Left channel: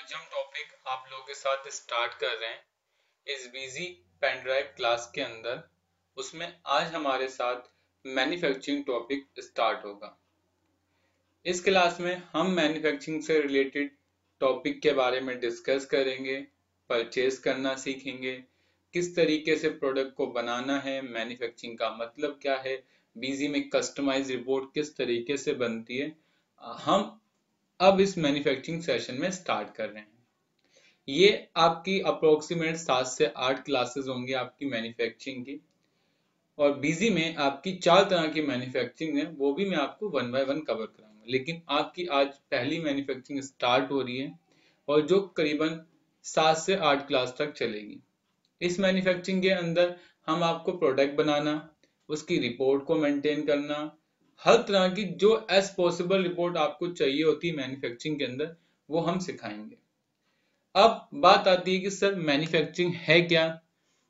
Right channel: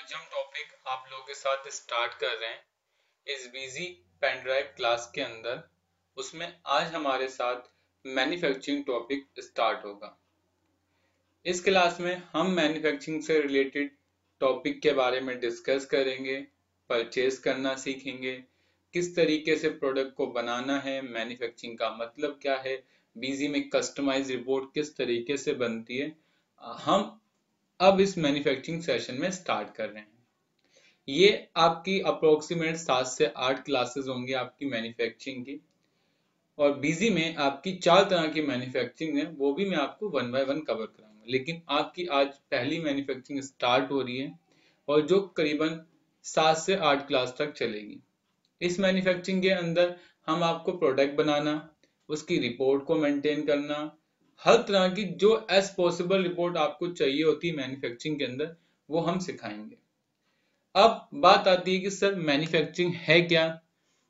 आज हम टॉपिक आप लोगों के साथ स्टार्ट कर रहे हैं इस बिजी पेन ड्राइव क्लास के अंदर। उसमें आज हमारे साथ मैन्युफैक्चरिंग टॉपिक स्टार्ट होगा। इस क्लास में हम मैन्युफैक्चरिंग से रिलेटेड टॉपिक के बारे में डिस्कस करेंगे, परचेज करना सीखेंगे, किस तरीके से प्रोडक्ट को बनाना है, मैन्युफैक्चरिंग का मतलब क्या है, बिजी में कस्टमाइज रिपोर्ट किस तरीके से बनती है। हम अब इस मैन्युफैक्चरिंग सेशन में स्टार्ट कर रहे हैं। ये आपकी अप्रोक्सीमेट 7 से 8 क्लासेस होंगी आपकी मैन्युफैक्चरिंग की, और बिजी में आपकी 4 तरह की मैन्युफैक्चरिंग है, वो भी मैं आपको वन बाय वन कवर कराऊंगा। लेकिन आपकी आज पहली मैन्युफैक्चरिंग स्टार्ट हो रही है और जो करीबन 7 से 8 क्लास तक चलेगी। इस मैन्युफैक्चरिंग के अंदर हम आपको प्रोडक्ट बनाना, उसकी रिपोर्ट को मेंटेन करना, हर तरह की जो एज पॉसिबल रिपोर्ट आपको चाहिए होती है मैन्युफैक्चरिंग के अंदर, वो हम सिखाएंगे। अब बात आती है कि सर मैन्युफैक्चरिंग है क्या,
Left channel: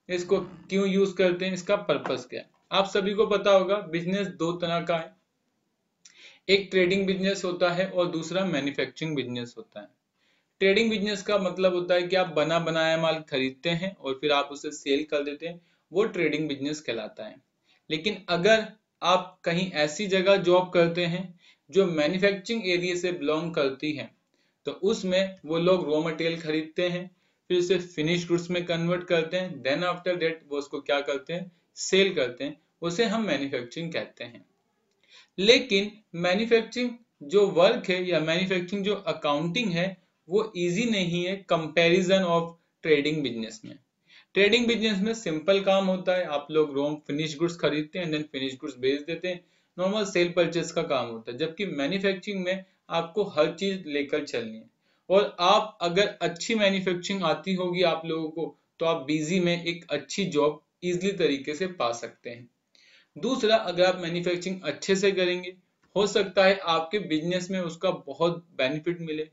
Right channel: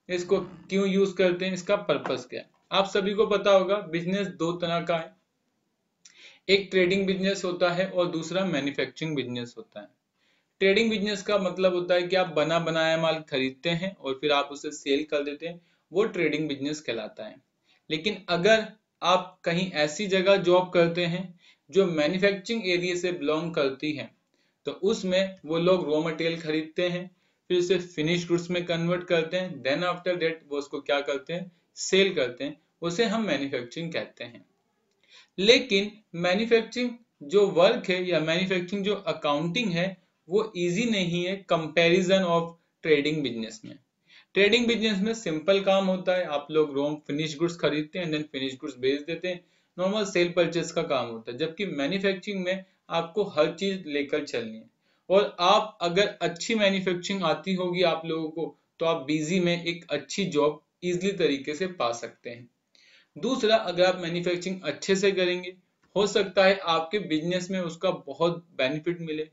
इसको क्यों यूज करते हैं, इसका पर्पस क्या है। आप सभी को पता होगा बिजनेस दो तरह का है, एक ट्रेडिंग बिजनेस होता है और दूसरा मैन्युफैक्चरिंग बिजनेस होता है। ट्रेडिंग बिजनेस का मतलब होता है कि आप बना बनाया माल खरीदते हैं और फिर आप उसे सेल कर देते हैं, वो ट्रेडिंग बिजनेस कहलाता है। लेकिन अगर आप कहीं ऐसी जगह जॉब करते हैं जो मैन्युफैक्चरिंग एरिया से बिलोंग करती है, तो उसमें वो लोग रॉ मटेरियल खरीदते हैं, फिर उसे फिनिश गुड्स में कन्वर्ट करते हैं, देन आफ्टर दैट वो उसको क्या करते हैं, सेल करते हैं, उसे हम मैन्युफैक्चरिंग कहते हैं। लेकिन मैन्युफैक्चरिंग जो वर्क है या मैन्युफैक्चरिंग जो अकाउंटिंग है, वो इजी नहीं है कंपैरिजन ऑफ ट्रेडिंग बिजनेस में। ट्रेडिंग बिजनेस में सिंपल काम होता है, आप लोग रॉ फिनिश गुड्स खरीदते हैं, देन फिनिश गुड्स बेच देते हैं, नॉर्मल सेल परचेज का काम होता है। जबकि मैन्युफैक्चरिंग में आपको हर चीज लेकर चलनी है, और आप अगर अच्छी मैन्युफैक्चरिंग आती होगी आप लोगों को, तो आप बिजी में एक अच्छी जॉब इजिली तरीके से पा सकते हैं। दूसरा, अगर आप मैन्युफैक्चरिंग अच्छे से करेंगे, हो सकता है आपके बिजनेस में उसका बहुत बेनिफिट मिले।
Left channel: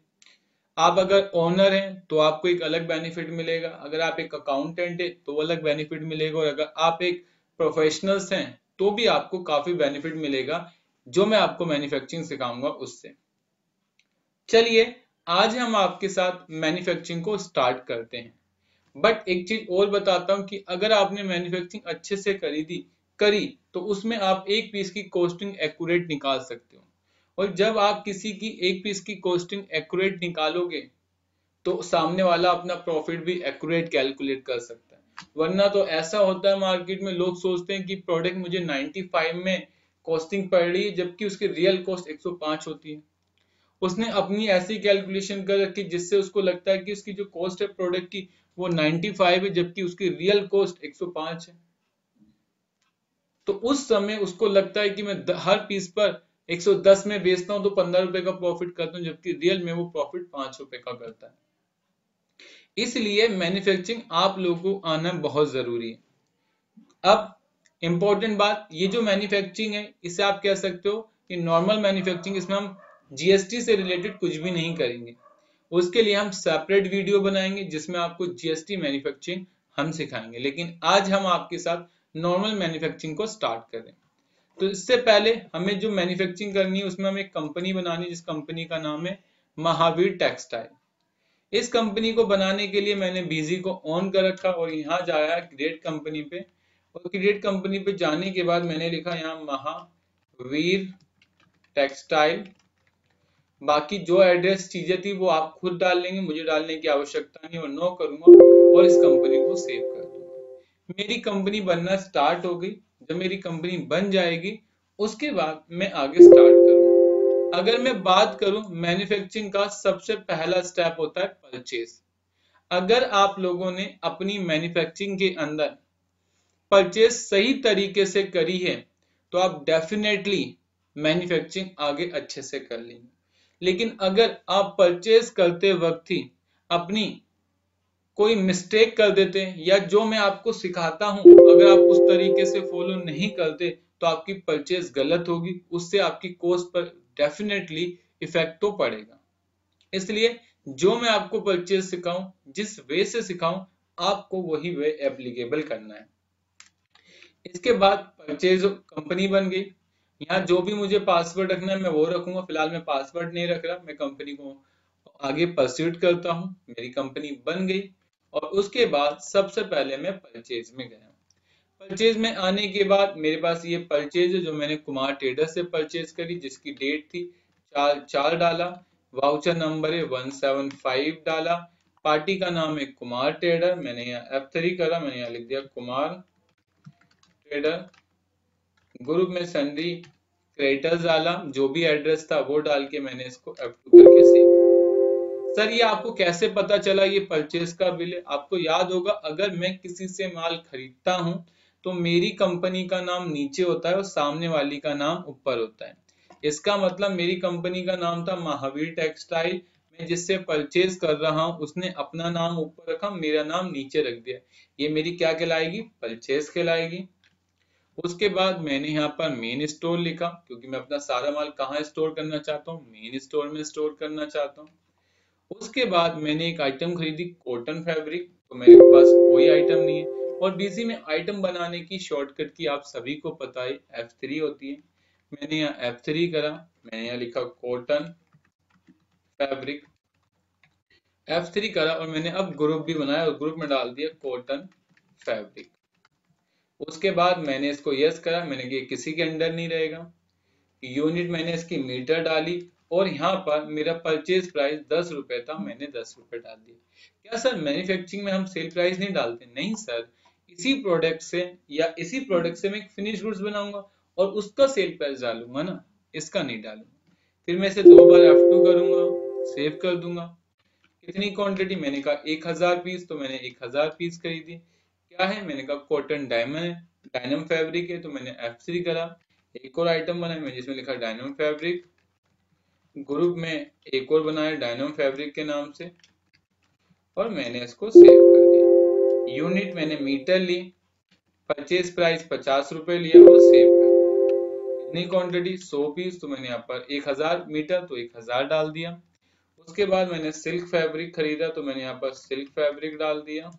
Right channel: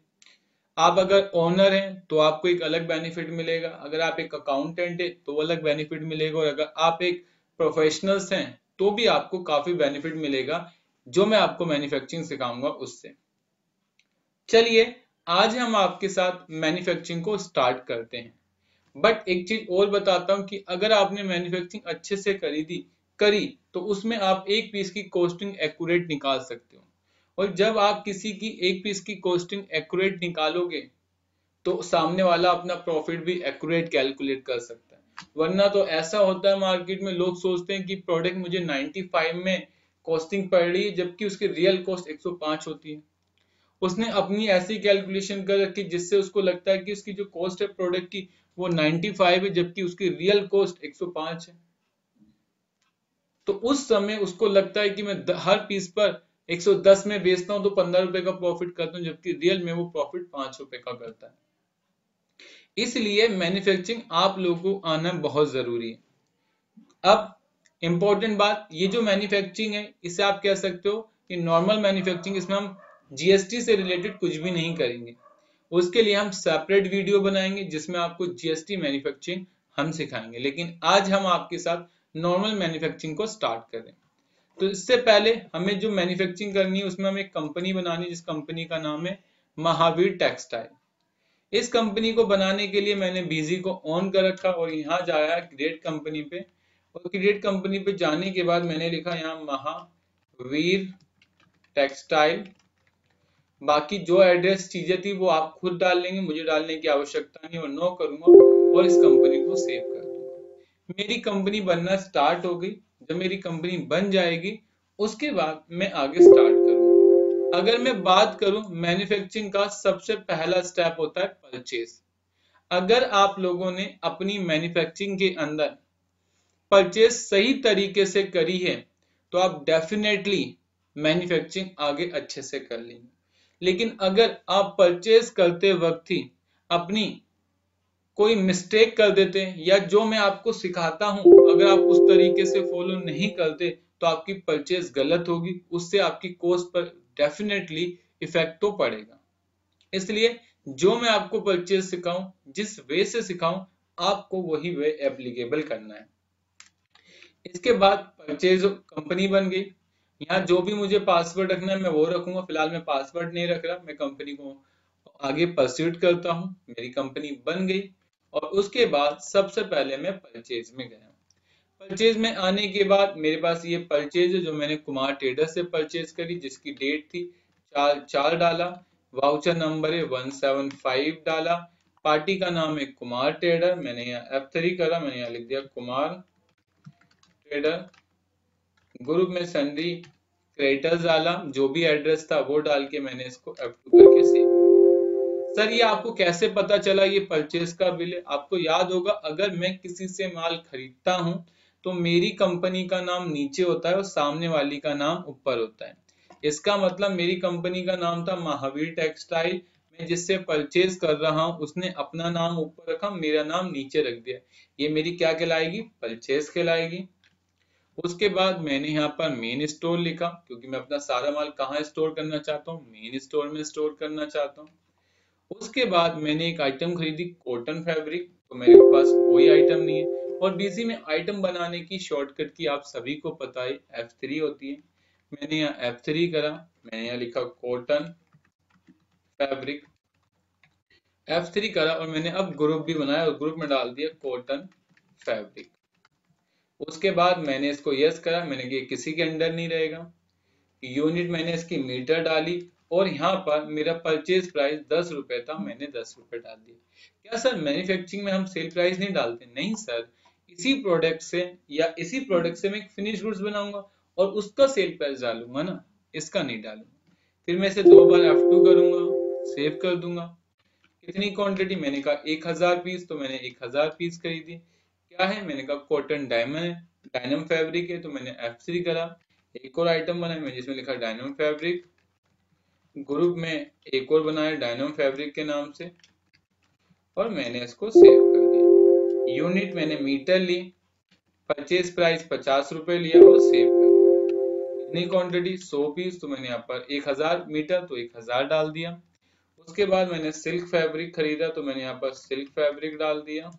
आप अगर ओनर हैं तो आपको एक अलग बेनिफिट मिलेगा, अगर आप एक अकाउंटेंट है तो अलग बेनिफिट मिलेगा, और अगर आप एक प्रोफेशनल्स हैं तो भी आपको काफी बेनिफिट मिलेगा, जो मैं आपको मैन्युफैक्चरिंग सिखाऊंगा उससे। चलिए आज हम आपके साथ मैन्युफैक्चरिंग को स्टार्ट करते हैं। बट एक चीज और बताता हूं कि अगर आपने मैन्युफैक्चरिंग अच्छे से करी तो उसमें आप एक पीस की कॉस्टिंग एक्यूरेट निकाल सकते हो, और जब आप किसी की एक पीस की कॉस्टिंग एक्यूरेट निकालोगे तो सामने वाला अपना प्रॉफिट भी एक्यूरेट कैलकुलेट कर सकता है। वरना तो ऐसा होता है मार्केट में, लोग सोचते हैं कि प्रोडक्ट मुझे 95 में कॉस्टिंग पड़ रही है, जबकि उसकी रियल कॉस्ट 105 होती है। उसने अपनी ऐसी कैलकुलेशन कर रखी जिससे उसको लगता है कि उसकी जो कॉस्ट है प्रोडक्ट की वो 95 है, जबकि उसकी रियल कॉस्ट 105 है। तो उस समय उसको लगता है कि मैं हर पीस पर 110 में बेचता हूं तो 15 रुपए का प्रॉफिट करता हूं, जबकि रियल में वो प्रॉफिट 5 रुपए का करता है। इसलिए मैन्युफैक्चरिंग आप लोगों को आना बहुत जरूरी है। अब इंपॉर्टेंट बात, ये जो मैन्युफैक्चरिंग है इसे आप कह सकते हो कि नॉर्मल मैन्युफैक्चरिंग, इसमें हम जीएसटी से रिलेटेड कुछ भी नहीं करेंगे। उसके लिए हम सेपरेट वीडियो बनाएंगे जिसमें आपको जीएसटी मैन्युफैक्चरिंग हम सिखाएंगे। लेकिन आज हम आपके साथ नॉर्मल मैन्युफैक्चरिंग को स्टार्ट करें, तो इससे पहले हमें जो मैन्युफैक्चरिंग करनी है उसमें हमें एक कंपनी बनानी है, जिस कंपनी का नाम है महावीर टेक्सटाइल। इस कंपनी को बनाने के लिए मैंने बीजी को ऑन कर रखा और यहाँ जाया क्रिएट कंपनी पे, और क्रिएट कंपनी पे जाने के बाद मैंने लिखा यहाँ महावीर टेक्सटाइल। बाकी जो एड्रेस चीजें थी वो आप खुद डाल लेंगे, मुझे डालने की आवश्यकता नहीं, और नो करूंगा और इस कंपनी को सेव कर दूंगा। मेरी कंपनी बनना स्टार्ट हो गई। जब मेरी कंपनी बन जाएगी उसके बाद मैं आगे स्टार्ट करूंगा। अगर मैं बात करूं मैन्युफैक्चरिंग का, सबसे पहला स्टेप होता है परचेज। अगर आप लोगों ने अपनी मैन्युफैक्चरिंग के अंदर परचेज सही तरीके से करी है तो आप डेफिनेटली मैन्युफैक्चरिंग आगे अच्छे से कर लेंगे। लेकिन अगर आप परचेज करते वक्त ही अपनी कोई मिस्टेक कर देते हैं, या जो मैं आपको सिखाता हूं अगर आप उस तरीके से फॉलो नहीं करते, तो आपकी परचेज गलत होगी, उससे आपकी कॉस्ट पर डेफिनेटली इफेक्ट तो पड़ेगा। इसलिए जो मैं आपको परचेज सिखाऊं, जिस वे से सिखाऊं, आपको वही वे एप्लीकेबल करना है। इसके बाद परचेज कंपनी बन गई। यहाँ जो भी मुझे पासवर्ड रखना है मैं वो रखूंगा, फिलहाल मैं पासवर्ड नहीं रख रहा, मैं कंपनी को आगे परस्यूट करता हूँ, मेरी कंपनी बन गई और उसके बाद सबसे पहले मैं परचेज में गया। परचेज में आने के बाद मेरे पास ये परचेज है जो मैंने कुमार ट्रेडर से परचेज करी, जिसकी डेट थी 4/4 डाला, वाउचर नंबर है 175 डाला, पार्टी का नाम है कुमार ट्रेडर, मैंने यहाँ F3 करा, मैंने यहाँ लिख दिया कुमार ट्रेडर, ग्रुप में सन्ड्री क्रेडिटर्स डाला, जो भी एड्रेस था वो डाल के मैंने इसको F2 करके सेव। सर ये आपको कैसे पता चला ये परचेज का बिल है? आपको याद होगा अगर मैं किसी से माल खरीदता हूं तो मेरी कंपनी का नाम नीचे होता है और सामने वाली का नाम ऊपर होता है। इसका मतलब मेरी कंपनी का नाम था महावीर टेक्सटाइल, मैं जिससे परचेज कर रहा हूं उसने अपना नाम ऊपर रखा, मेरा नाम नीचे रख दिया, ये मेरी क्या कहलाएगी? परचेज कहलाएगी। उसके बाद मैंने यहाँ पर मेन स्टोर लिखा, क्योंकि मैं अपना सारा माल कहाँ स्टोर करना चाहता हूँ? मेन स्टोर में स्टोर करना चाहता हूँ। उसके बाद मैंने एक आइटम खरीदी कॉटन फैब्रिक, तो मेरे पास कोई आइटम नहीं है और बीसी में आइटम बनाने की शॉर्टकट की आप सभी को पता है F3 होती है। मैंने यहाँ F3 करा, मैंने यहाँ लिखा कॉटन फैब्रिक, F3 करा और मैंने अब ग्रुप भी बनाया और ग्रुप में डाल दिया कॉटन फैब्रिक। उसके बाद मैंने इसको यस करा, मैंने ये किसी के अंडर नहीं रहेगा। यूनिट मैंने इसकी मीटर डाली और यहाँ पर मेरा परचेज प्राइस 10 रुपए था, मैंने 10 रुपए डाल दिए। क्या सर मैन्युफैक्चरिंग में हम सेल प्राइस नहीं डालते? नहीं सर, इसी प्रोडक्ट से या इसी प्रोडक्ट से मैं एक फिनिश गुड्स बनाऊंगा और उसका सेल प्राइस डालूंगा ना, इसका नहीं डालूंगा। फिर मैं इसे 2 बार F2 करूंगा, सेव कर दूंगा। कितनी क्वांटिटी? मैंने कहा 1000 पीस, तो मैंने 1000 पीस खरीदी। क्या है? मैंने कहा कॉटन डायनम फैब्रिक है, तो मैंने F3 करा। एक और आइटम बनाया मैं जिसमें लिखा डायनम फैब्रिक, ग्रुप में एक और बनाया डायनम फैब्रिक के नाम से और मैंने इसको सेव कर दिया। यूनिट मैंने मीटर ली, परचेज प्राइस 50 रुपए लिया और सेव कर दिया। कितनी क्वांटिटी? 100 पीस, तो मैंने यहाँ पर 1000 मीटर, तो 1000 डाल दिया। उसके बाद मैंने सिल्क फैब्रिक खरीदा, तो मैंने यहाँ पर सिल्क फैब्रिक डाल दिया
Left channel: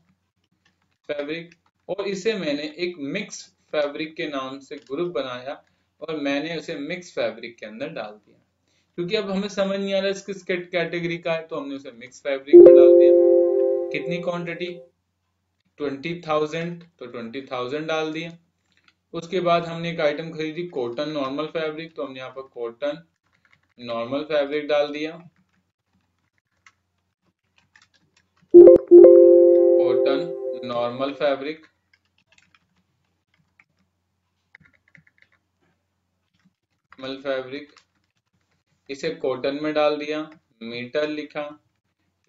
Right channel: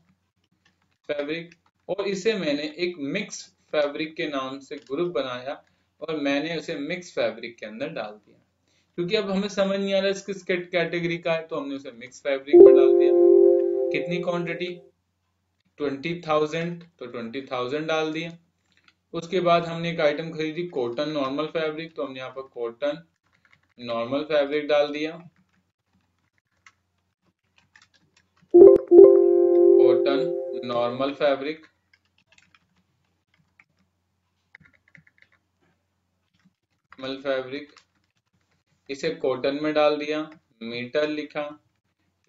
फैब्रिक, और इसे मैंने एक मिक्स फैब्रिक के नाम से ग्रुप बनाया और मैंने उसे मिक्स फैब्रिक के अंदर डाल दिया। क्योंकि अब हमें समझ नहीं आ रहा किस कैटेगरी का है, तो हमने उसे मिक्स फैब्रिक में डाल दिया। कितनी क्वांटिटी? 20,000, तो 20,000 डाल दिया। उसके बाद हमने एक आइटम खरीदी कॉटन नॉर्मल फैब्रिक, तो हमने यहाँ पर कॉटन नॉर्मल फैब्रिक डाल दिया, कॉटन नॉर्मल फैब्रिक। इसे कॉटन में डाल दिया, मीटर लिखा,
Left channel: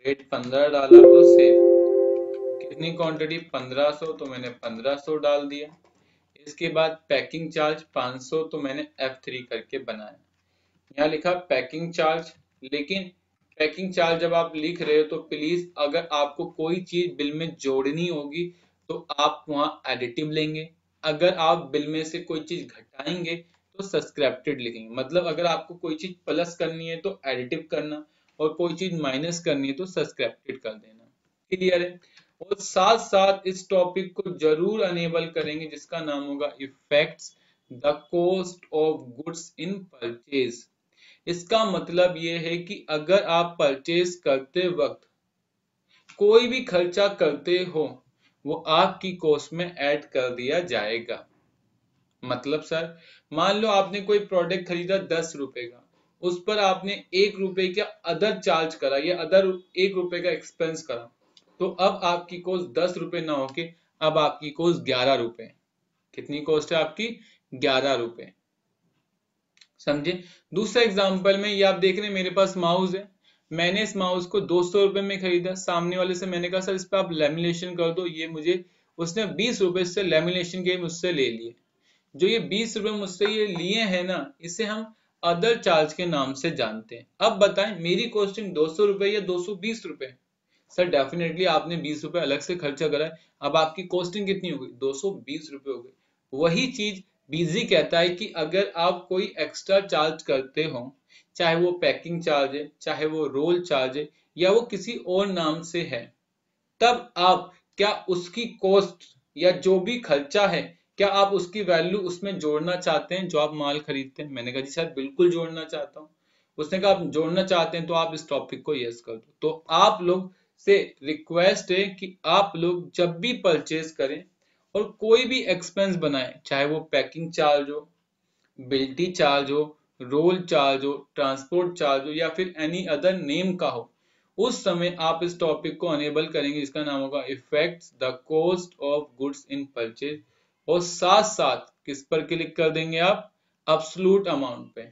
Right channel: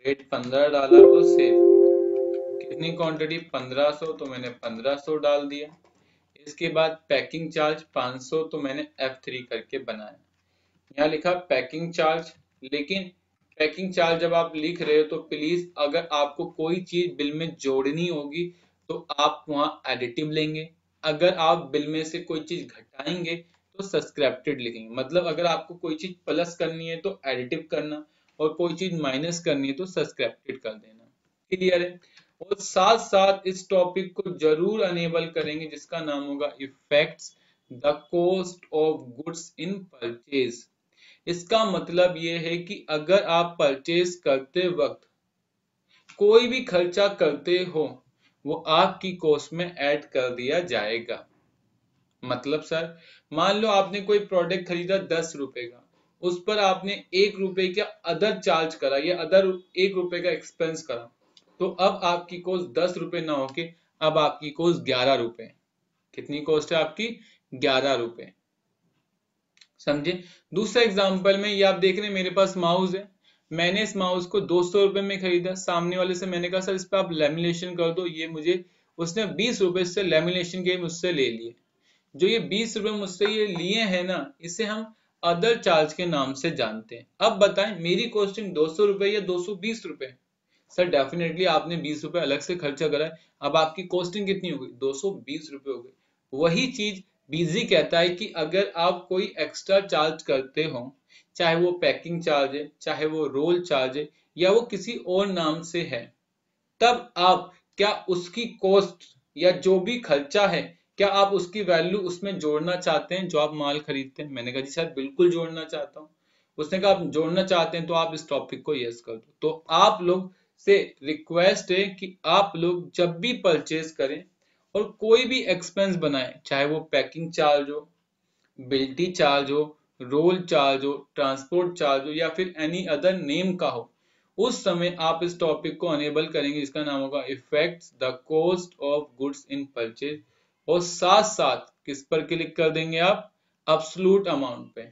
रेट 15 डाला और सेव। कितनी क्वांटिटी? 1500, तो मैंने 1500 डाल दिया। इसके बाद पैकिंग चार्ज 500, तो मैंने F3 करके बनाया। यहाँ लिखा पैकिंग चार्ज, लेकिन पैकिंग चार्ज जब आप लिख रहे हो तो प्लीज अगर आपको कोई चीज बिल में जोड़नी होगी तो आप वहां एडिटिव लेंगे, अगर आप बिल में से कोई चीज घटाएंगे तो सब्सक्राइब्ड लिखेंगे। मतलब अगर आपको कोई चीज प्लस करनी है तो एडिटिव करना और कोई चीज माइनस करनी है तो सब्सक्राइब्ड कर देना। क्लियर है? और साथ साथ इस टॉपिक को जरूर अनेबल करेंगे जिसका नाम होगा effects the cost of goods in purchase. इसका मतलब ये है कि अगर आप परचेज करते वक्त कोई भी खर्चा करते हो वो आपकी कॉस्ट में ऐड कर दिया जाएगा। मतलब सर मान लो आपने कोई प्रोडक्ट खरीदा 10 रुपए का, उस पर आपने 1 रुपए का अदर चार्ज करा या अदर 1 रुपए का एक्सपेंस करा, तो अब आपकी कॉस्ट 10 रुपए ना होके अब आपकी कॉस्ट 11 रुपए। कितनी कॉस्ट है आपकी? 11 रुपए। समझे? दूसरा एग्जांपल में ये आप देख रहे हैं मेरे पास माउस है, मैंने इस माउस को 200 रुपए में खरीदा। सामने वाले से मैंने कहा सर इस पे आप लेमिनेशन कर दो, ये मुझे उसने 20 रुपए से लेमिनेशन के मुझसे ले लिए। जो ये 20 रुपए मुझसे ये लिए हैं ना, इसे हम अदर चार्ज के नाम से जानते हैं। अब बताएं मेरी कॉस्टिंग 200 रुपए या 220 रुपए? सर डेफिनेटली आपने 20 रुपए अलग से खर्चा करा है, अब आपकी कॉस्टिंग कितनी हो गई? 220 रुपए हो गई। वही चीज बीजी कहता है कि अगर आप कोई एक्स्ट्रा चार्ज करते हो, चाहे वो पैकिंग चार्ज है, चाहे वो रोल चार्ज है, या वो किसी और नाम से है, तब आप क्या उसकी कॉस्ट या जो भी खर्चा है क्या आप उसकी वैल्यू उसमें जोड़ना चाहते हैं जो आप माल खरीदते हैं? मैंने कहा जी सर बिल्कुल जोड़ना चाहता हूँ। उसने कहा आप जोड़ना चाहते हैं तो आप इस टॉपिक को यस कर दो। तो आप लोग से रिक्वेस्ट है कि आप लोग जब भी परचेज करें और कोई भी एक्सपेंस बनाएं, चाहे वो पैकिंग चार्ज हो, बिल्टी चार्ज हो, रोल चार्ज हो, ट्रांसपोर्ट चार्ज हो, या फिर एनी अदर नेम का हो, उस समय आप इस टॉपिक को अनेबल करेंगे। इसका नाम होगा effects the cost of goods in purchase, और साथ साथ किस पर क्लिक कर देंगे आप, अब्सोल्यूट अमाउंट पे।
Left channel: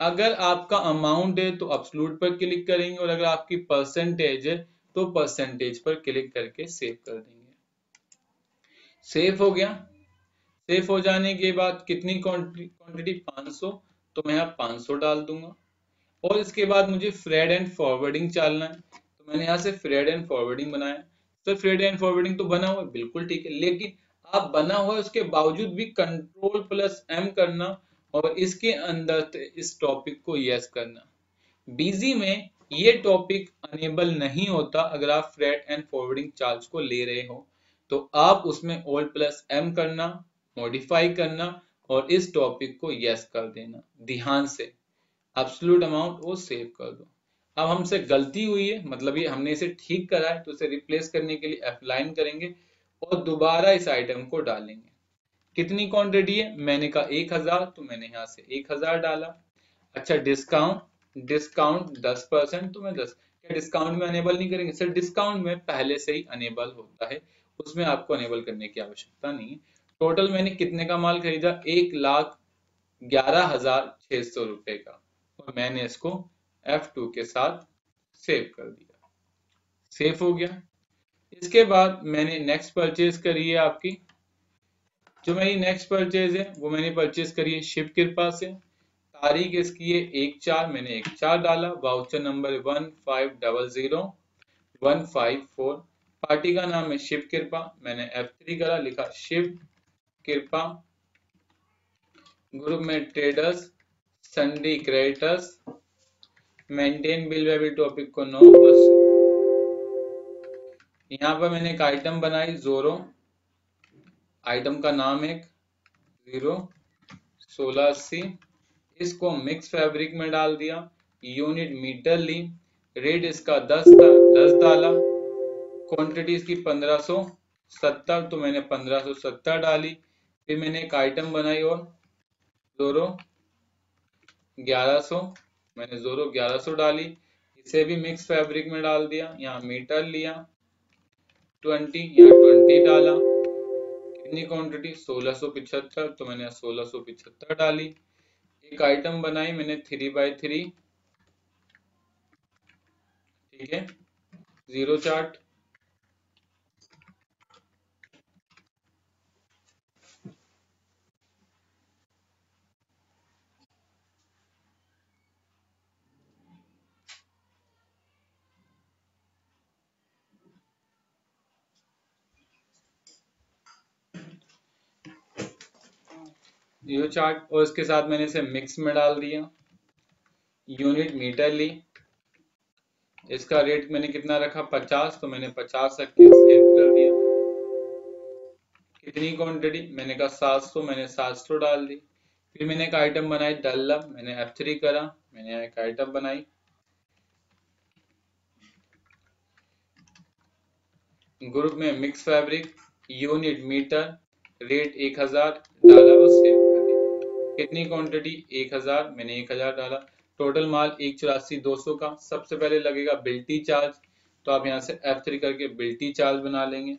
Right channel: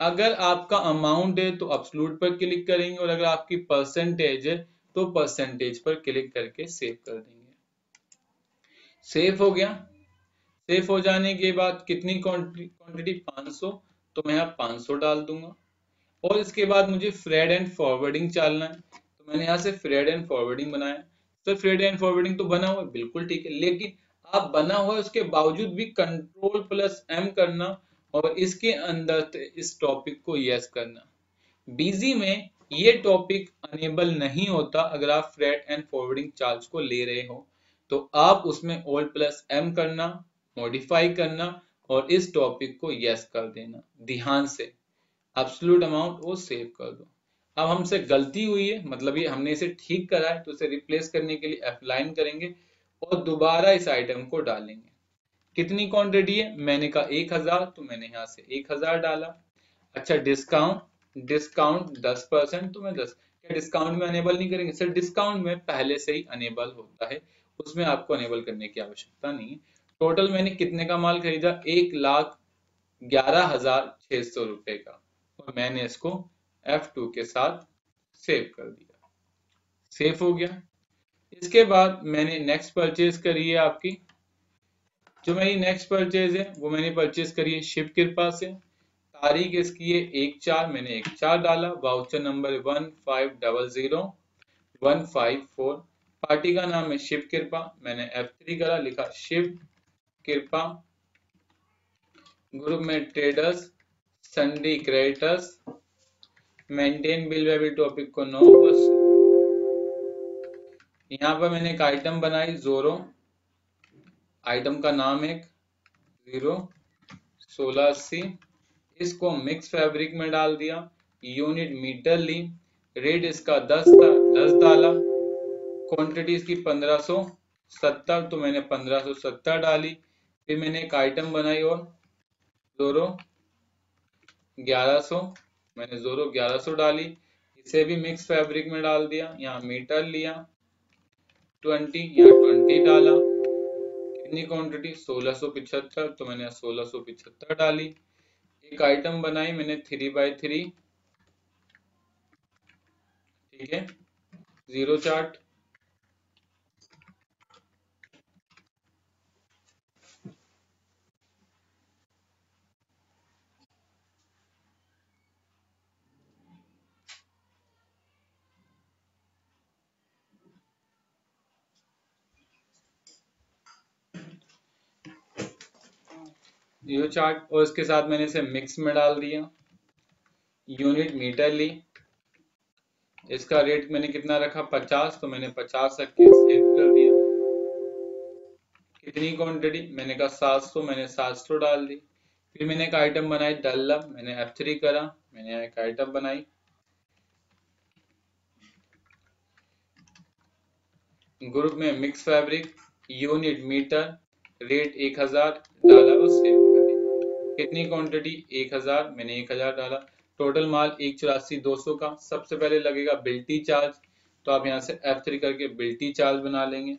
अगर आपका अमाउंट है तो अब्सोल्यूट पर क्लिक करेंगे, और अगर आपकी परसेंटेज है तो परसेंटेज पर क्लिक करके सेव कर देंगे। सेव हो गया। सेफ हो जाने के बाद कितनी क्वांटिटी 500, तो मैं यहाँ 500 डाल दूंगा। और इसके बाद मुझे फ्रेड एंड फॉरवर्डिंग डालना है, तो मैंने यहाँ से फ्रेड एंड फॉरवर्डिंग बनाया। तो फ्रेड एंड फॉरवर्डिंग तो बना हुआ है, बिल्कुल ठीक है, लेकिन आप बना हुआ है उसके बावजूद भी कंट्रोल प्लस एम करना और इसके अंदर इस टॉपिक को यस करना। बीजी में ये टॉपिक अनेबल नहीं होता अगर आप फ्रेड एंड फॉरवर्डिंग चार्ज को ले रहे हो, तो आप उसमें ऑल प्लस एम करना, मॉडिफाई करना और इस टॉपिक को यस कर देना ध्यान से। एब्सोल्यूट अमाउंट वो सेव कर दो। अब हमसे गलती हुई है, मतलब ये हमने इसे ठीक करा है, तो इसे रिप्लेस करने के लिए F9 करेंगे और दोबारा इस आइटम को डालेंगे। कितनी क्वांटिटी है, मैंने कहा 1000, तो मैंने यहाँ से 1000 डाला। अच्छा, डिस्काउंट, डिस्काउंट 10%, तो मैं 10। क्या डिस्काउंट में अनेबल नहीं करेंगे सर? डिस्काउंट में पहले से ही अनेबल होता है, उसमें आपको अनेबल करने की आवश्यकता नहीं है। टोटल मैंने कितने का माल खरीदा, 1,11,600 रुपए का, और मैंने इसको F2 के साथ सेव कर दिया। सेव हो गया। इसके बाद मैंने नेक्स्ट परचेज करी है आपकी, जो मेरी नेक्स्ट परचेज है वो मैंने परचेज करी है शिव कृपा से। तारीख इसकी है 1/4, मैंने 1/4 डाला। Voucher number 15000154। पार्टी का नाम है शिव कृपा, मैंने F3 करा, लिखा शिव कृपा। ग्रुप में traders, sundry creditors, maintain bill वेबल टॉपिक को 9 बस। यहाँ पर मैंने एक आइटम बनाई जोरो, आइटम का नाम एक 01680, इसको मिक्स फैब्रिक में डाल दिया। यूनिट मीटर ली, रेट इसका 10 था, 10 डाला। क्वांटिटी इसकी 1570, तो मैंने 1570 डाली। फिर मैंने एक आइटम बनाई और जोरो 1100, मैंने जोरो 1100 डाली, इसे भी मिक्स फैब्रिक में डाल दिया। यहाँ मीटर लिया 20, यहाँ 20 डाला। कितनी क्वांटिटी, 1675, तो मैंने 1675 डाली। एक आइटम बनाई मैंने 3x3, ठीक है, जीरो चार्ट। जीरो चार्ट, और इसके साथ मैंने इसे मिक्स में डाल दिया। यूनिट मीटर ली, इसका रेट मैंने कितना रखा, 50, तो मैंने 50 रख के सेव कर दिया। कितनी क्वांटिटी, मैंने कहा 700, मैंने 700 डाल दी। फिर मैंने एक आइटम बनाई डल्लम, मैंने F3 करा, मैंने एक आइटम बनाई। ग्रुप में mix fabric, unit metre, rate 1000 डाला और सेव कर दिया। कितनी क्वांटिटी, 1000, मैंने 1000 डाला। टोटल माल 184,200 का। सबसे पहले लगेगा बिल्टी चार्ज, तो आप यहाँ से F3 करके बिल्टी चार्ज बना लेंगे।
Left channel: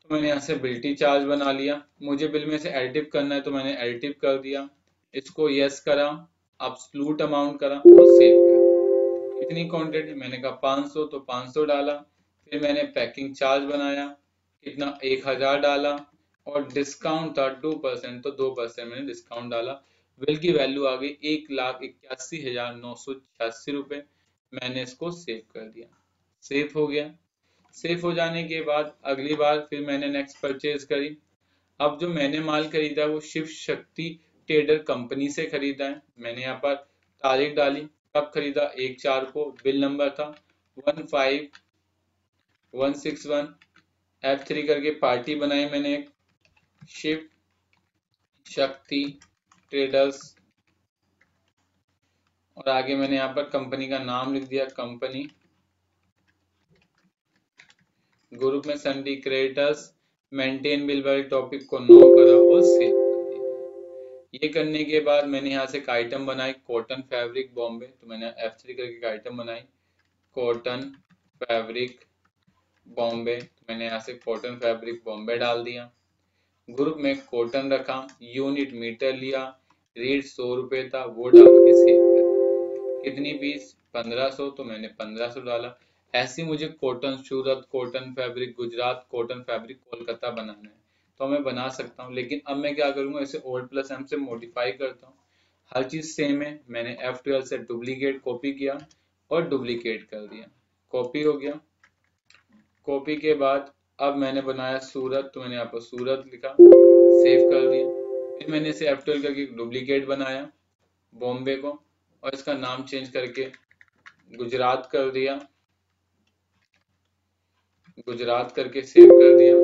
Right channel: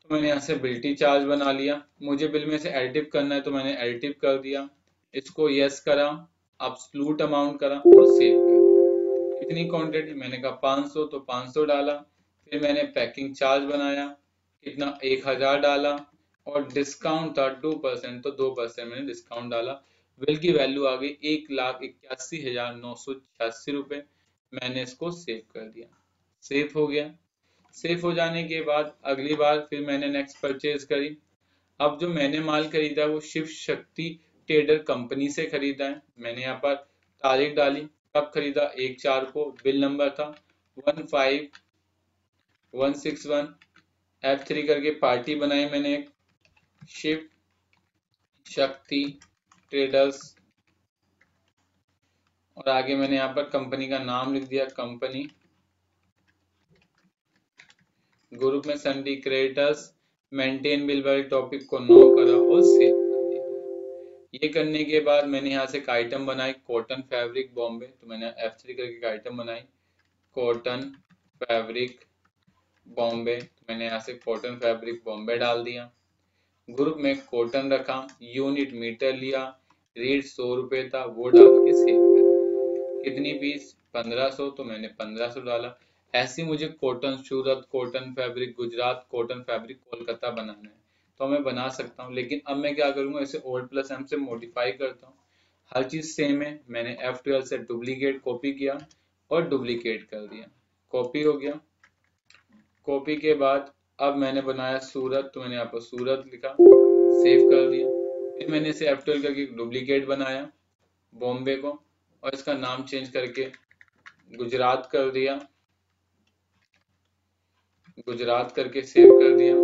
तो मैंने यहाँ से बिल्टी चार्ज बना लिया। मुझे बिल में से एडिटिव करना है, तो मैंने एडिटिव कर दिया। इसको यस करा, एब्सोल्यूट अमाउंट करा और सेव कर। कितनी क्वांटिटी, मैंने कहा 500, तो 500 डाला। फिर मैंने पैकिंग चार्ज बनाया, कितना, 1000 डाला, और डिस्काउंट था 2%, तो 2% मैंने डिस्काउंट डाला। बिल की वैल्यू आ गई 1,81,986 रुपए। मैंने इसको सेव कर दिया। सेव हो गया। सेव हो जाने के बाद अगली बार फिर मैंने नेक्स्ट परचेज करी। अब जो मैंने माल खरीदा वो शिव शक्ति ट्रेडर कंपनी से खरीदा है। मैंने यहाँ पर तारीख डाली, कब खरीदा, 1/4 को। बिल नंबर था 15161। F3 करके पार्टी बनाई मैंने एक, शिव शक्ति ट्रेडर्स और आगे मैंने यहाँ पर कंपनी का नाम लिख दिया, कंपनी। ग्रुप में सन्डी क्रेडिटर्स, मेंटेन बिल वाले टॉपिक को नो करा और सेव कर दिया। ये करने के बाद मैंने यहाँ से एक आइटम बनाई, कॉटन फैब्रिक बॉम्बे, तो मैंने F3 करके एक आइटम बनाई, कॉटन फैब्रिक बॉम्बे, तो मैंने यहाँ से कॉटन फैब्रिक बॉम्बे डाल दिया। ग्रुप में कॉटन रखा, यूनिट मीटर लिया, रेट 100 रुपये था, वो डाल के सेव कर दिया। कितनी पीस? 1500, तो मैंने 1500 डाला। ऐसे मुझे cotton Surat, cotton fabric Gujarat, cotton fabric Kolkata बनाना है, तो मैं बना सकता हूँ। लेकिन अब मैं क्या करूंगा, इसे Alt+M से मॉडिफाई करता हूँ। हर चीज सेम है, मैंने F12 से डुप्लीकेट कॉपी किया और डुप्लीकेट कर दिया, कॉपी हो गया। कॉपी के बाद अब मैंने बनाया सूरत, तो मैंने यहाँ पर सूरत लिखा, सेव कर दिया। फिर मैंने इसे F12 करके डुप्लीकेट बनाया बॉम्बे को, और इसका नाम चेंज करके गुजरात कर दिया, गुजरात करके सेव कर दिया।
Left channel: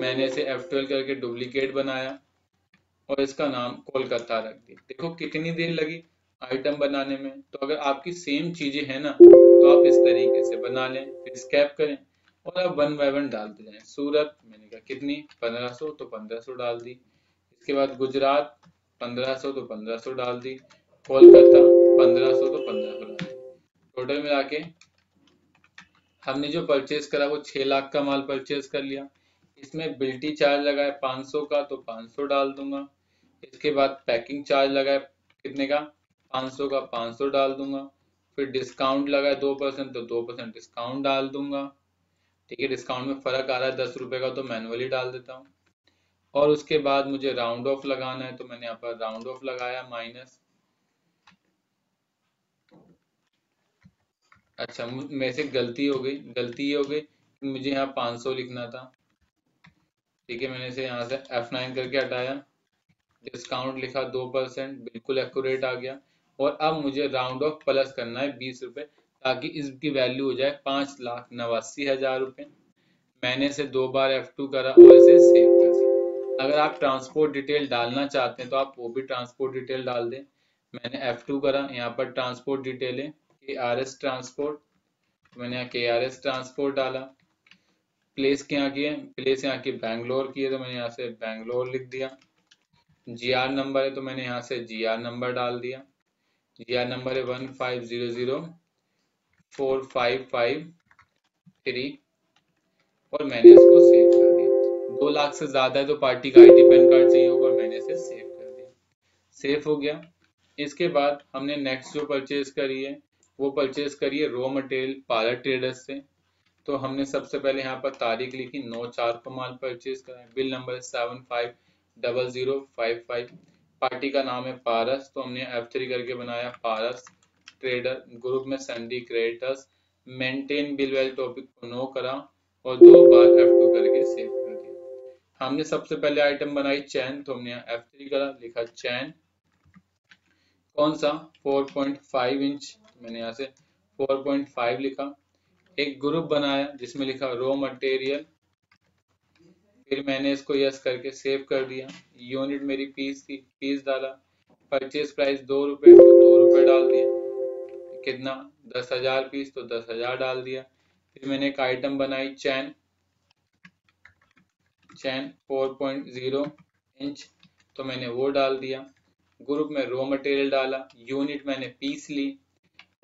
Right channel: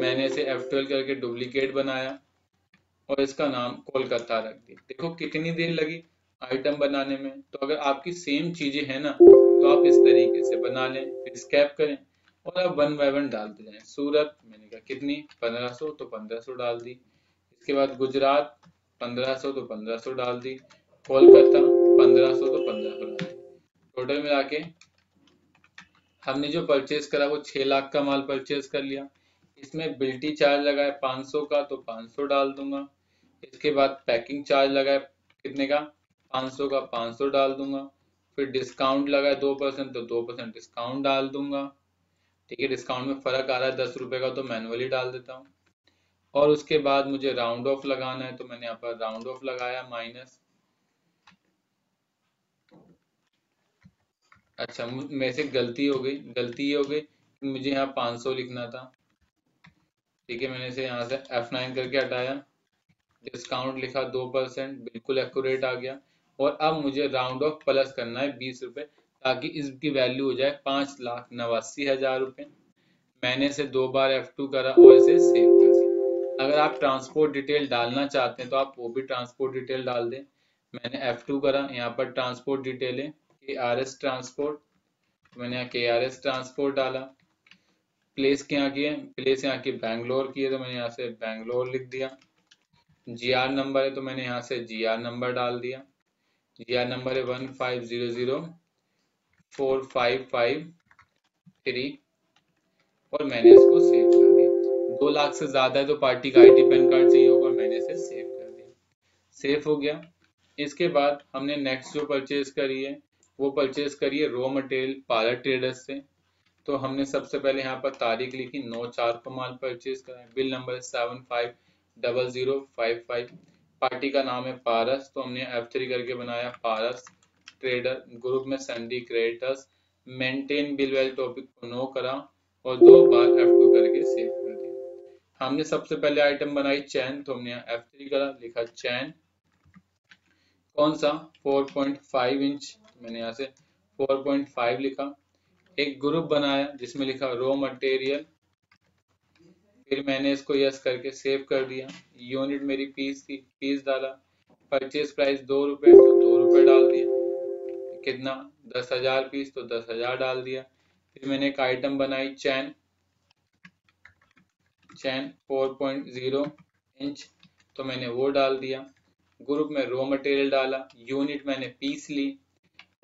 मैंने इसे F12 करके डुप्लीकेट बनाया और इसका नाम कोलकाता रख दिया। देखो कितनी देर लगी आइटम बनाने में। तो अगर आपकी सेम चीजें हैं ना, तो आप इस तरीके से बना लें, फिर स्कैप करें और आप 1 बाय 1 डालते जाएं। सूरत मैंने कहा कितनी, 1500, तो 1500 डाल दी। इसके बाद गुजरात 1500, तो 1500 डाल दी। कोलकाता 1500, तो 1500 डाल दी। टोटल मिला के हमने जो परचेज करा वो 6 लाख का माल परचेज कर लिया। इसमें बिल्टी चार्ज लगाए 500 का, तो 500 डाल दूंगा। इसके बाद पैकिंग चार्ज लगाए कितने का, 500 का, 500 डाल दूंगा। फिर डिस्काउंट लगाए 2%, तो 2% डिस्काउंट डाल दूंगा। ठीक है, डिस्काउंट में फर्क आ रहा है 10 रुपए का, तो मैनुअली डाल देता हूँ। और उसके बाद मुझे राउंड ऑफ लगाना है, तो मैंने यहाँ पर राउंड ऑफ लगाया माइनस। अच्छा, मेरे से गलती हो गई, गलती ये हो गई कि मुझे यहाँ 500 लिखना था। ठीक है, मैंने इसे यहाँ से F9 करके हटाया, डिस्काउंट लिखा 2%, बिल्कुल एक्यूरेट आ गया। और अब मुझे राउंड ऑफ प्लस करना है 20 रुपए, ताकि इसकी वैल्यू हो जाए 5,89,000 रुपए। मैंने इसे 2 बार F2 करा और इसे सेव कर दिया। अगर आप ट्रांसपोर्ट डिटेल डालना चाहते हैं तो आप वो भी ट्रांसपोर्ट डिटेल डाल दें। मैंने F2 करा, यहाँ पर ट्रांसपोर्ट डिटेल है KRS ट्रांसपोर्ट, मैंने यहाँ KRS ट्रांसपोर्ट डाला। प्लेस क्या की है, प्लेस यहाँ की बैंगलोर की है, तो मैंने यहाँ से बैंगलोर लिख दिया। GR नंबर है, तो मैंने यहाँ से GR नंबर डाल दिया। GR नंबर है 1500455 और मैंने इसको सेव कर दिया। 2 लाख से ज्यादा है तो पार्टी का IT पैन कार्ड चाहिए होगा, और मैंने इसे सेव कर दिया। सेव हो गया। इसके बाद हमने नेक्स्ट जो परचेज करी है वो परचेज करी है रॉ मटेरियल पार्लर ट्रेडर्स से। तो हमने सबसे पहले यहाँ पर तारीख लिखी, 9/4 को माल परचेज करा है। बिल नंबर है 750055। पार्टी का नाम है पारस, तो हमने F3 करके बनाया पारस ट्रेडर। ग्रुप में सन्डी क्रेडिटर्स, मेंटेन बिल वाले टॉपिक को नो करा और 2 बार F2 करके सेव कर दिया। हमने सबसे पहले आइटम बनाई चैन, तो हमने यहाँ F3 करा, लिखा चैन। कौन सा, 4.5 इंच, तो मैंने यहाँ से 4.5 लिखा। एक ग्रुप बनाया जिसमें लिखा रॉ मटेरियल, फिर मैंने इसको यस करके सेव कर दिया। यूनिट मेरी पीस थी, पीस डाला। परचेज प्राइस 2 रुपए, तो 2 रुपए डाल दिया। कितना, 10,000 पीस, तो 10,000 डाल दिया। फिर मैंने एक आइटम बनाई चैन, चैन 4.0 इंच, तो मैंने वो डाल दिया। ग्रुप में रॉ मटेरियल डाला, यूनिट मैंने पीस ली,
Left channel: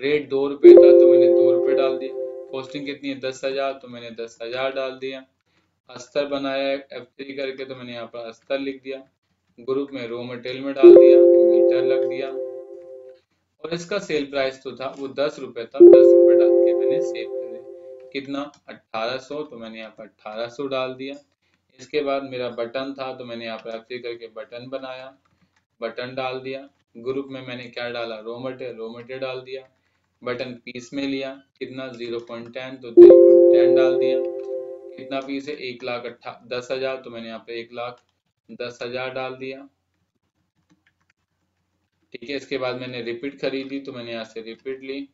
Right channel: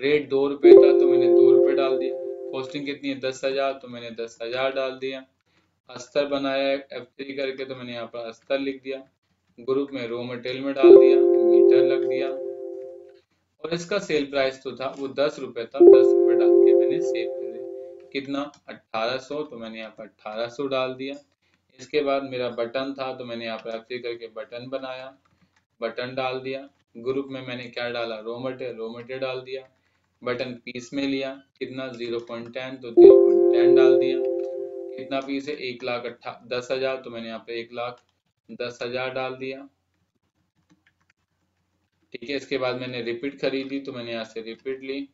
रेट 2 रुपए था तो मैंने 2 रुपए डाल दिया। कॉस्टिंग कितनी है, 10,000, तो मैंने 10,000 डाल दिया। अस्तर बनाया F3 करके, तो मैंने यहाँ पर अस्तर लिख दिया। ग्रुप में रॉ मटेरियल में डाल दिया, मीटर लग दिया। और इसका सेल प्राइस तो था वो 10 रुपए था, 10 रुपए डाल के मैंने सेव कर दिया। कितना, 1800, तो मैंने यहाँ पर 1800 डाल दिया। इसके बाद मेरा बटन था, तो मैंने यहाँ पर F3 करके बटन बनाया, बटन डाल दिया। ग्रुप में मैंने क्या डाला, रॉ मटेरियल डाल दिया। बटन पीस में लिया, कितना, 0.10, तो 0.10 डाल दिया। कितना पीस है, 1,10,000, तो मैंने यहाँ पे 1,10,000 डाल दिया। ठीक है, इसके बाद मैंने रिपीट खरीदी, तो मैंने यहाँ से रिपीट ली।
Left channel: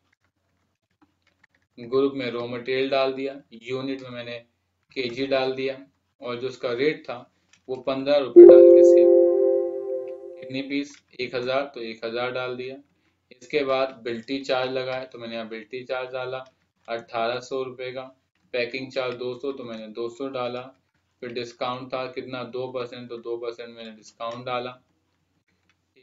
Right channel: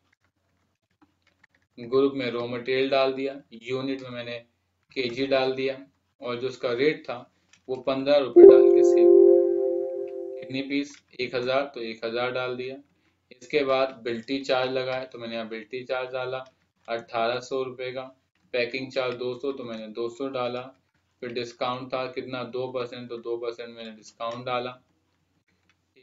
ग्रुप में रॉ मटेरियल डाल दिया, यूनिट में मैंने केजी डाल दिया, और जो उसका रेट था वो 15 रुपए डाल के सेव। कितनी पीस, 1,000, तो 1,000 डाल दिया। इसके बाद बिल्टी चार्ज लगाए तो मैंने यहाँ बिल्टी चार्ज डाला 1800 रुपये का। पैकिंग चार्ज 200 तो मैंने 200 डाला। फिर डिस्काउंट था कितना 2%, तो 2% मैंने डिस्काउंट डाला।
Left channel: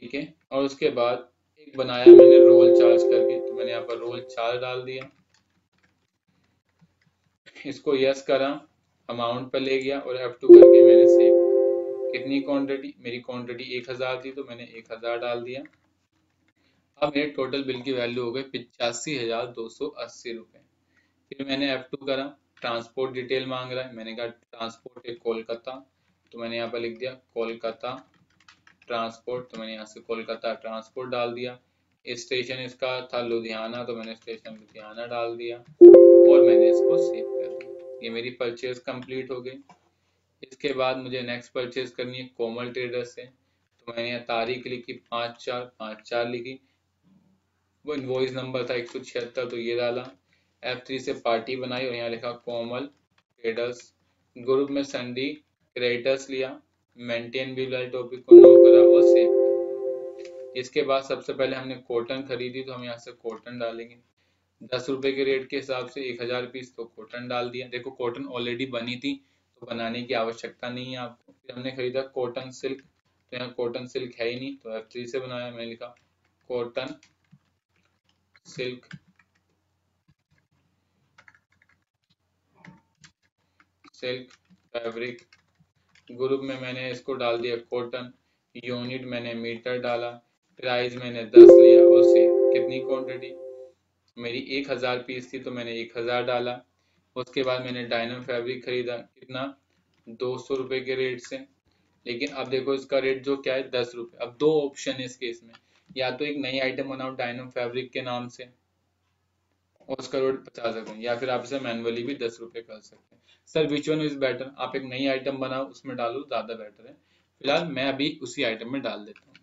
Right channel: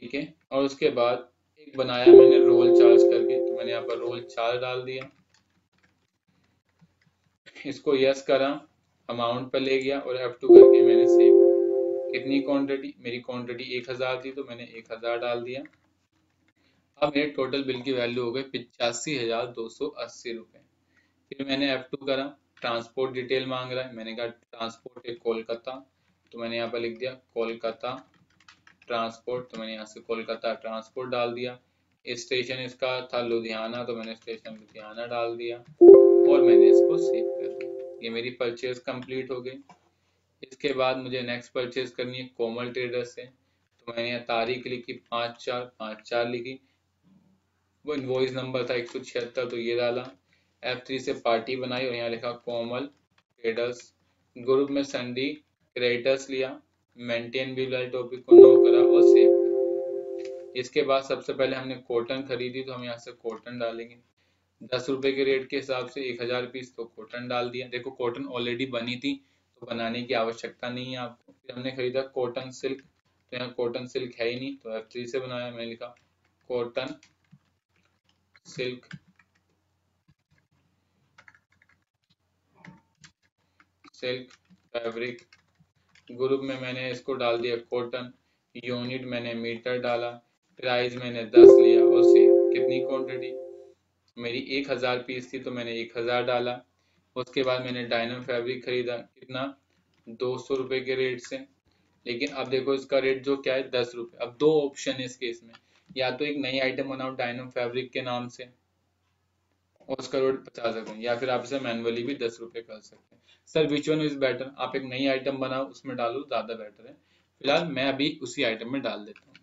ठीक है, और उसके बाद एक बनाया मैंने रोल चार्ज करके, तो मैंने यहाँ पर रोल चार्ज डाल दिया। इसको यस करा, अमाउंट पर ले गया और F2 करके मैंने सेव। कितनी क्वांटिटी, मेरी क्वांटिटी 1000 थी तो मैंने 1000 डाल दिया। अब मेरे टोटल बिल की वैल्यू हो गई 85,280 रुपये। फिर मैंने F2 करा, ट्रांसपोर्ट डिटेल मांग रहा है, मैंने कहा ट्रांसपोर्ट है कोलकाता, तो मैंने यहाँ पर लिख दिया कोलकाता ट्रांसपोर्ट, तो मैंने यहाँ से कोलकाता ट्रांसपोर्ट डाल दिया। स्टेशन इसका था लुधियाना, तो मैंने स्टेशन लुधियाना डाल दिया और मैंने इसको सेव कर दिया। ये मेरी परचेज कंप्लीट हो गई। इसके बाद मुझे नेक्स्ट परचेज करनी है कोमल ट्रेडर्स से, तो मैंने यहाँ तारीख लिखी 5/4/5/4 लिखी। वो इनवॉइस नंबर था 176, तो ये डाला। F3 से पार्टी बनाई और यहाँ लिखा कोमल ट्रेडर्स। ग्रुप में संडी क्रेडिटर्स लिया, मेंटेन बिल वाले टॉपिक को नो करा और सेव कर। इसके बाद सबसे पहले हमने कॉटन खरीदी, तो हम यहाँ से कॉटन डालेंगे। 10 रुपए के रेट के हिसाब से 1000 पीस, तो कॉटन डाल दिया। देखो कॉटन ऑलरेडी बनी थी तो बनाने की आवश्यकता नहीं है आपको। फिर हमने खरीदा कॉटन सिल्क, तो यहाँ कॉटन सिल्क है ही नहीं, तो F3 से बनाया। मैंने लिखा cotton silk silk fabric. Group में मैंने इसको डाल दिया कॉटन। यूनिट मैंने मीटर डाला। प्राइस मैंने 10 लिया और सेव। कितनी क्वांटिटी, मेरी 1000 पीस थी तो मैंने 1000 डाला। उसके बाद मैंने डायनम फैब्रिक खरीदा, कितना 200 रुपए के रेट से। लेकिन अब देखो इसका रेट जो क्या है 10 रुपए। अब दो ऑप्शन है इस केस में, या तो एक नई आइटम बनाओ डायनम फैब्रिक के नाम से और उसका रेट 50 रुपए, या फिर आप इसे मैनुअली भी 10 रुपए कर सकते हैं। Sir which one is better, आप एक नई आइटम बनाओ उसमें डालो, ज्यादा बेटर है। फिलहाल मैं अभी उसी आइटम में डाल देता हूँ।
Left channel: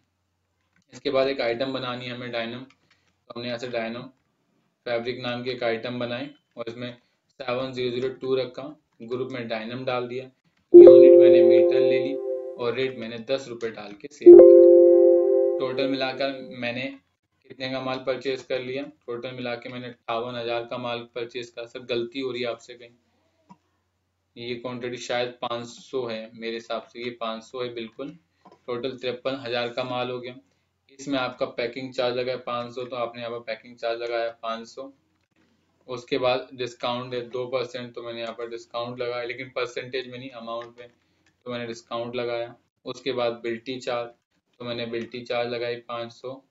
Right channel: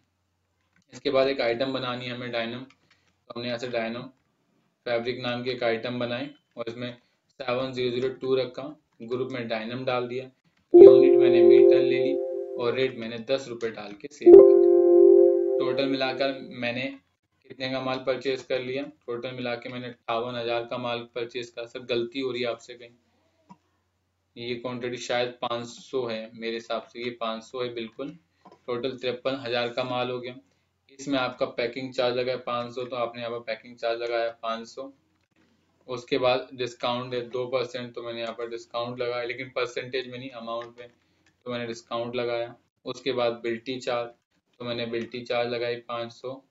इसके बाद एक आइटम बनानी है हमें डायनम, तो हमने यहाँ से डायनम फैब्रिक नाम की एक आइटम बनाई और इसमें 7002 रखा। ग्रुप में डायनम डाल दिया। यूनिट मैंने मीटर ले ली और रेट मैंने 10 रुपए डाल के सेव कर दिया। टोटल मिलाकर मैंने कितने का माल परचेज कर लिया, टोटल मिला के मैंने 58,000 का माल परचेज करा। सर गलती हो रही है आपसे कहीं, ये क्वांटिटी शायद 500 है मेरे हिसाब से, ये 500 है बिल्कुल। टोटल 53,000 का माल हो गया। इसमें आपका पैकिंग चार्ज लगा है 500, तो आपने यहाँ पर पैकिंग चार्ज लगाया 500। उसके बाद डिस्काउंट है 2%, तो मैंने यहाँ पर डिस्काउंट लगाया, लेकिन परसेंटेज में नहीं अमाउंट में, तो मैंने डिस्काउंट लगाया। उसके बाद बिल्टी चार्ज, तो मैंने बिल्टी चार्ज लगाई 500।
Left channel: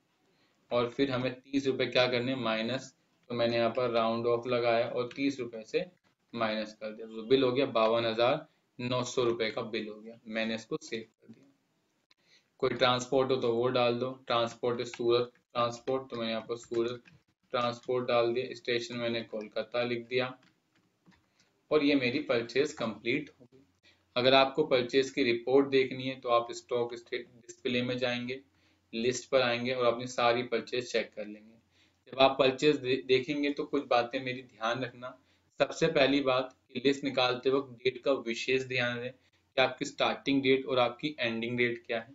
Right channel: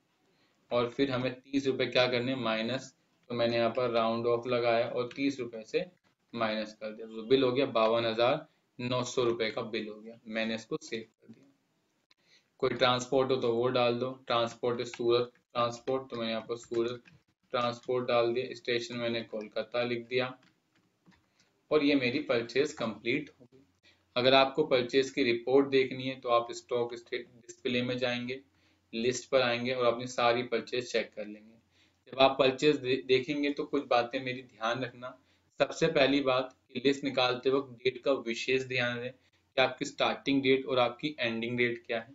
और फिर हमें 30 रुपए क्या करने माइनस, तो मैंने यहाँ पर राउंड ऑफ लगाया और 30 रुपए से माइनस कर दिया, तो बिल हो गया 52,900 रुपए का बिल हो गया। मैंने इसको सेव कर दिया। कोई ट्रांसपोर्ट हो तो वो डाल दो, ट्रांसपोर्ट है सूरत ट्रांसपोर्ट, तो मैंने यहाँ पर सूरत ट्रांसपोर्ट डाल दिया। स्टेशन मैंने कोलकाता लिख दिया और ये मेरी परचेज कंप्लीट हो गई। अगर आपको परचेज की रिपोर्ट देखनी है तो आप स्टॉक डिस्प्ले में जाएंगे, लिस्ट पर आएंगे और अपनी सारी परचेज चेक कर लेंगे। जब आप परचेज देखेंगे तो कुछ बातें मेरी ध्यान रखना। सबसे पहली बात कि लिस्ट निकालते वक्त डेट का विशेष ध्यान रहे कि आपकी स्टार्टिंग डेट और आपकी एंडिंग डेट क्या है,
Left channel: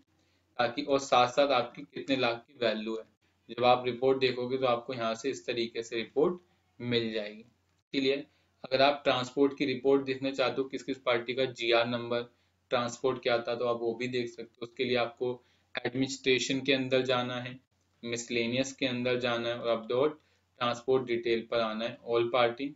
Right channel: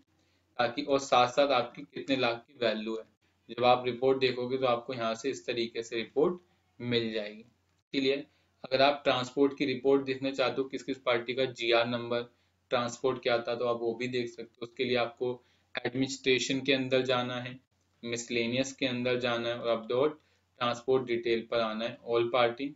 ताकि और साथ साथ आपकी कितने लाख की वैल्यू है। जब आप रिपोर्ट देखोगे तो आपको यहाँ से इस तरीके से रिपोर्ट मिल जाएगी। इसलिए अगर आप ट्रांसपोर्ट की रिपोर्ट देखना चाहते हो किस किस पार्टी का GR नंबर ट्रांसपोर्ट क्या था, तो आप वो भी देख सकते हो। उसके लिए आपको एडमिनिस्ट्रेशन के अंदर जाना है, मिसलेनियस के अंदर जाना है और अपडेट ट्रांसपोर्ट डिटेल पर आना है, ऑल पार्टी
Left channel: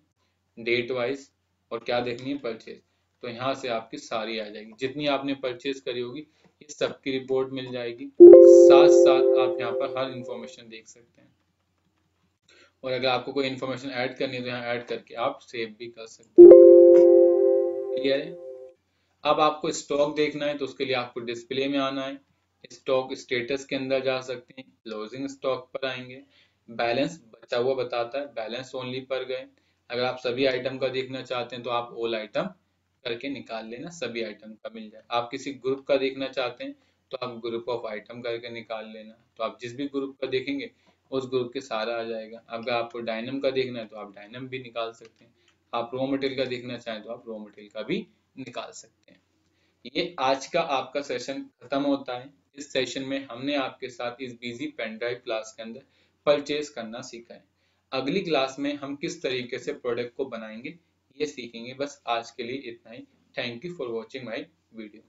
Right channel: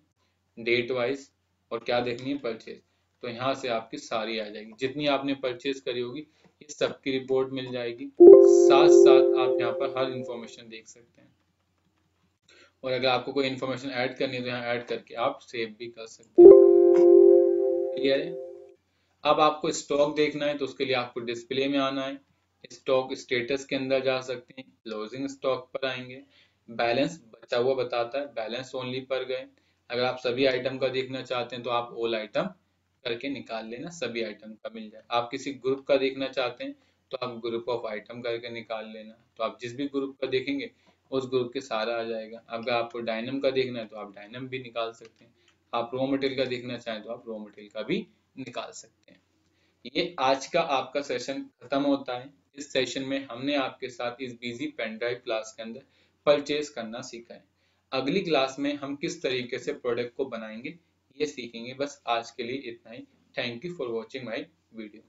डेट वाइज, और क्या देखनी है परचेज। तो यहाँ से आपकी सारी आ जाएगी, जितनी आपने परचेज करी होगी ये सबकी रिपोर्ट मिल जाएगी। साथ साथ आप यहाँ पर हर इंफॉर्मेशन देख सकते हैं और अगर आपको कोई इन्फॉर्मेशन ऐड करनी है तो यहाँ ऐड करके आप सेव भी कर सकते हैं। क्लियर है। अब आपको स्टॉक देखना है तो उसके लिए आपको डिस्प्ले में आना है, स्टॉक स्टेटस के अंदर जा सकते हैं, क्लोजिंग स्टॉक पर आएंगे, बैलेंस बचा हुआ बताता है, बैलेंस ओनली पर गए। अगर आप सभी आइटम का देखना चाहते हैं तो आप ऑल आइटम करके निकाल लेना, सभी आइटम का मिल जाए। आप किसी ग्रुप का देखना चाहते हैं तो आप ग्रुप ऑफ आइटम करके निकाल लेना, तो आप जिस भी ग्रुप का देखेंगे उस ग्रुप के सारा आ जाएगा। अगर आपको डायनम का देखना है तो आप डायनम भी निकाल सकते हैं, आप रॉ मटेरियल का देखना चाहें तो आप रॉ मटेरियल का भी निकाल सकते हैं। ये आज का आपका सेशन खत्म होता है। इस सेशन में हमने आपके साथ इस बिजी पेन ड्राइव क्लास के अंदर परचेज करना सीखा है। अगली क्लास में हम किस तरीके से प्रोडक्ट को बनाएंगे ये सीखेंगे। बस आज के लिए इतना ही। Thank you for watching my video.